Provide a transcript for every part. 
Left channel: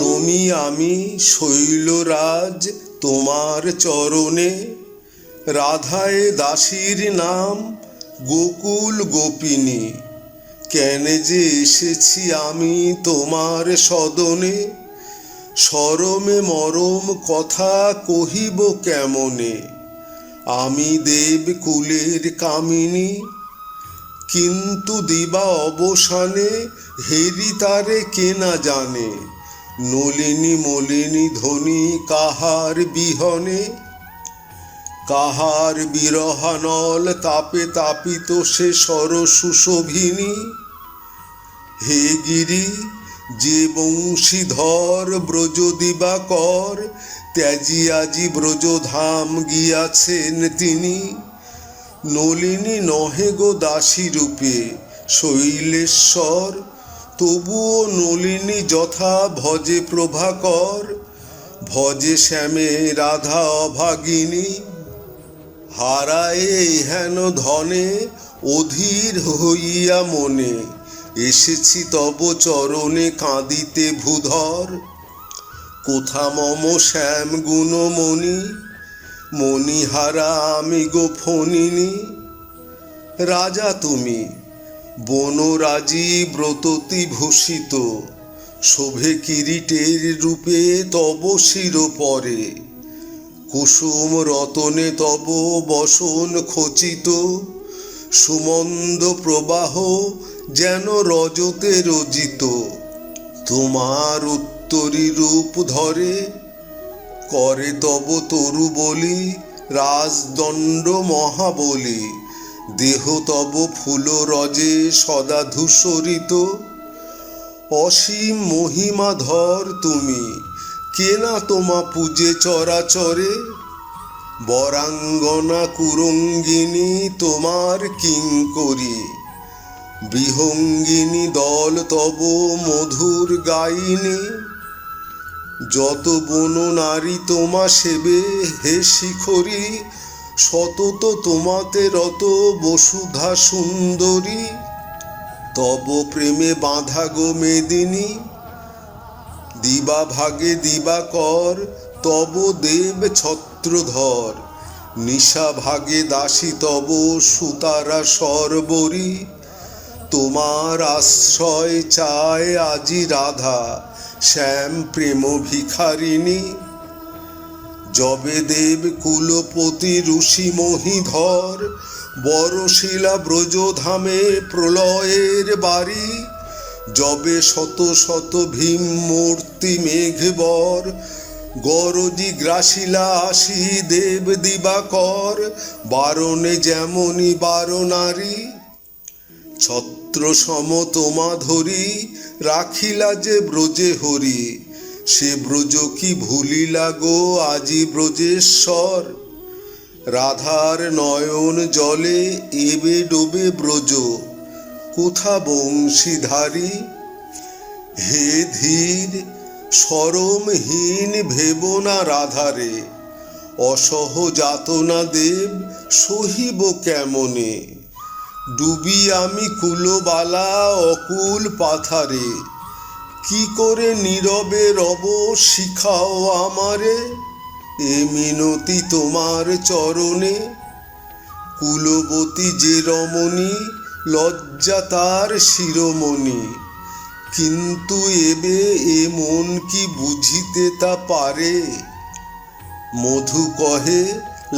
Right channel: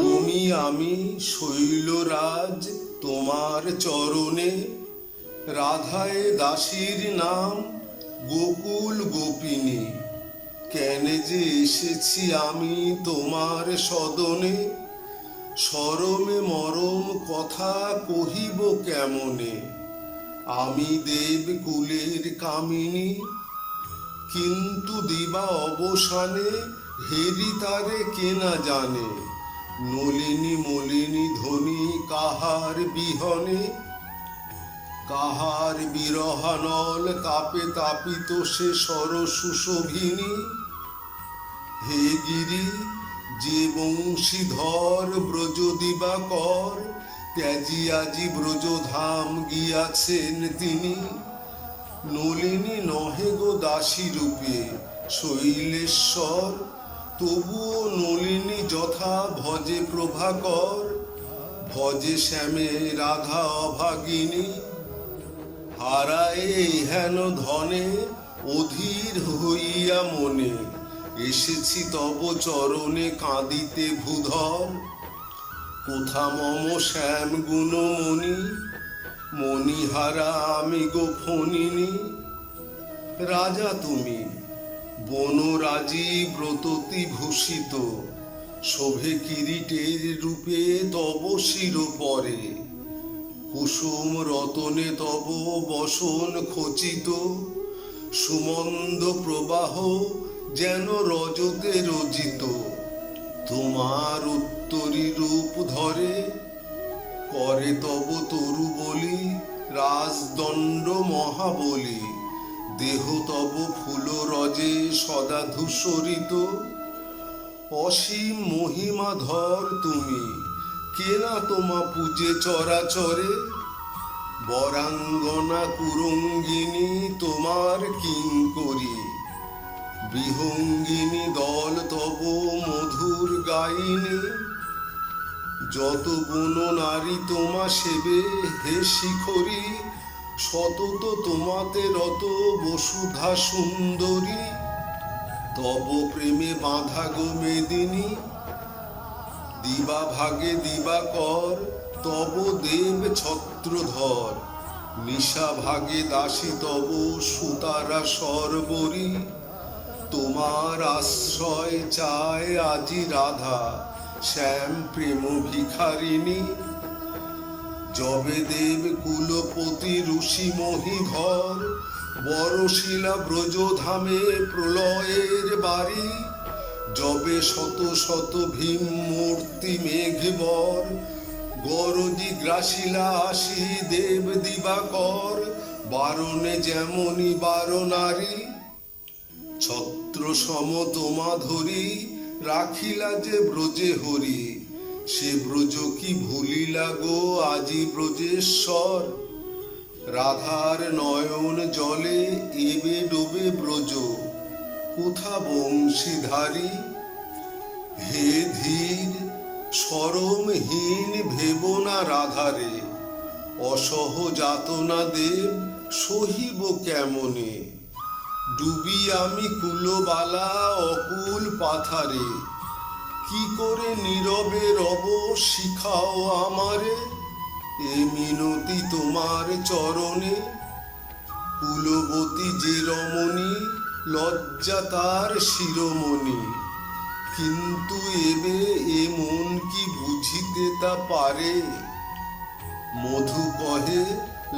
নমি আমি শৈলরাজ তোমার চরণে, রাধায় দাসীর নাম গোকুল গোপিনী। কেন যে এসেছি আমি তোমার সদনে, সরমে মরম কথা কহিব কেমনে। আমি দেব কুলের কামিনী, কিন্তু দিবা অবসানে হেরি তারে কেনা জানে। নলিনী মলিনী ধ্বনি কাহার বিহনে, কাহার বিরহানল তাপে তাপিত সে সর সুশোভিনী। হে গিরি যে বংশীধর ব্রজ দিবাকর, ত্যাজি আজি ব্রজধাম গিয়াছেন তিনি। নলিনী নহে গো দাসী রূপে শৈলেশ্বর, তবুও নলিনী যথা ভজে প্রভাকর। ভজে শ্যামে রাধা অভাগিনী, হারায়ে হেন ধনে অধীর হইয়া মনে। এসেছি তব চরণে কাঁদিতে ভূধর, কোথা মম শ্যাম গুণমণি। মণিহারা আমি গো ফণিনী। রাজা তুমি বনরাজি ব্রততি ভূষিত, শোভে কিরীটের রূপে তব শির পরে। কুসুম রতনে তব বসন খচিত, সুমন্দ প্রবাহ যেন রজতে রজিত। তোমার উত্তরী রূপ ধরে, করে তব তরু বলি রাজদণ্ড মহাবলী। দেহ তব ফুল রজে সদা ধূসরিত, অসীম মহিমাধর তুমি। কেনা তোমা পূজে চরাচরে, বরাঙ্গনা কুরঙ্গিনী তোমার কিঙ্করী। বিহঙ্গিনী দল তব মধুর গাইনী, যত বন নারী তোমা সেবে হে শিখরী। সতত তোমাতে রত বসুধা সুন্দরী, তব প্রেমে বাঁধা গো মেদিনী। দিবা ভাগে দিবাকর তব দেব ছত্রধর, নিশা ভাগে দাসী তব সুতারা সরবরী। তোমার আশ্রয় চায় আজি রাধা শ্যাম প্রেম ভিখারিণী। যবে দেব কুলপতি ঋষি মহিধর, বরশিলা ব্রজধামে প্রলয়ের বাড়ি। যবে শত শত ভীম মূর্তি মেঘবর, গরজি গ্রাসিলা আসি দেব দিবাকর। বারণে যেমনি বারনারী, ছত্র সম তোমা ধরি রাখিলা যে ব্রজে হরি। সে ব্রজ কি ভুলিলা গো আজি ব্রজেশ্বর, রাধার নয়ন জলে এবে ডোবে ব্রজ। কোথা বংশীধারী, হে ধীর সরমহীন ভেব না রাধারে। অসহ যাতনা দেব সহিব কেমনে, ডুবি আমি কুলবালা অকুল পাথারে। কি করে নীরবে রব শিখাও আমারে, এ মিনতি তোমার চরণে। কুলবতী যে রমণী লজ্জা তার শিরোমণি, কিন্তু এবে এ মন কি বুঝিতে তা পারে। মধু কহে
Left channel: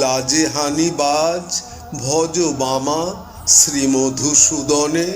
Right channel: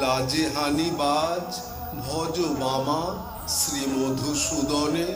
লাজে হানি বাজ, ভজ বামা শ্রী মধুসূদনে।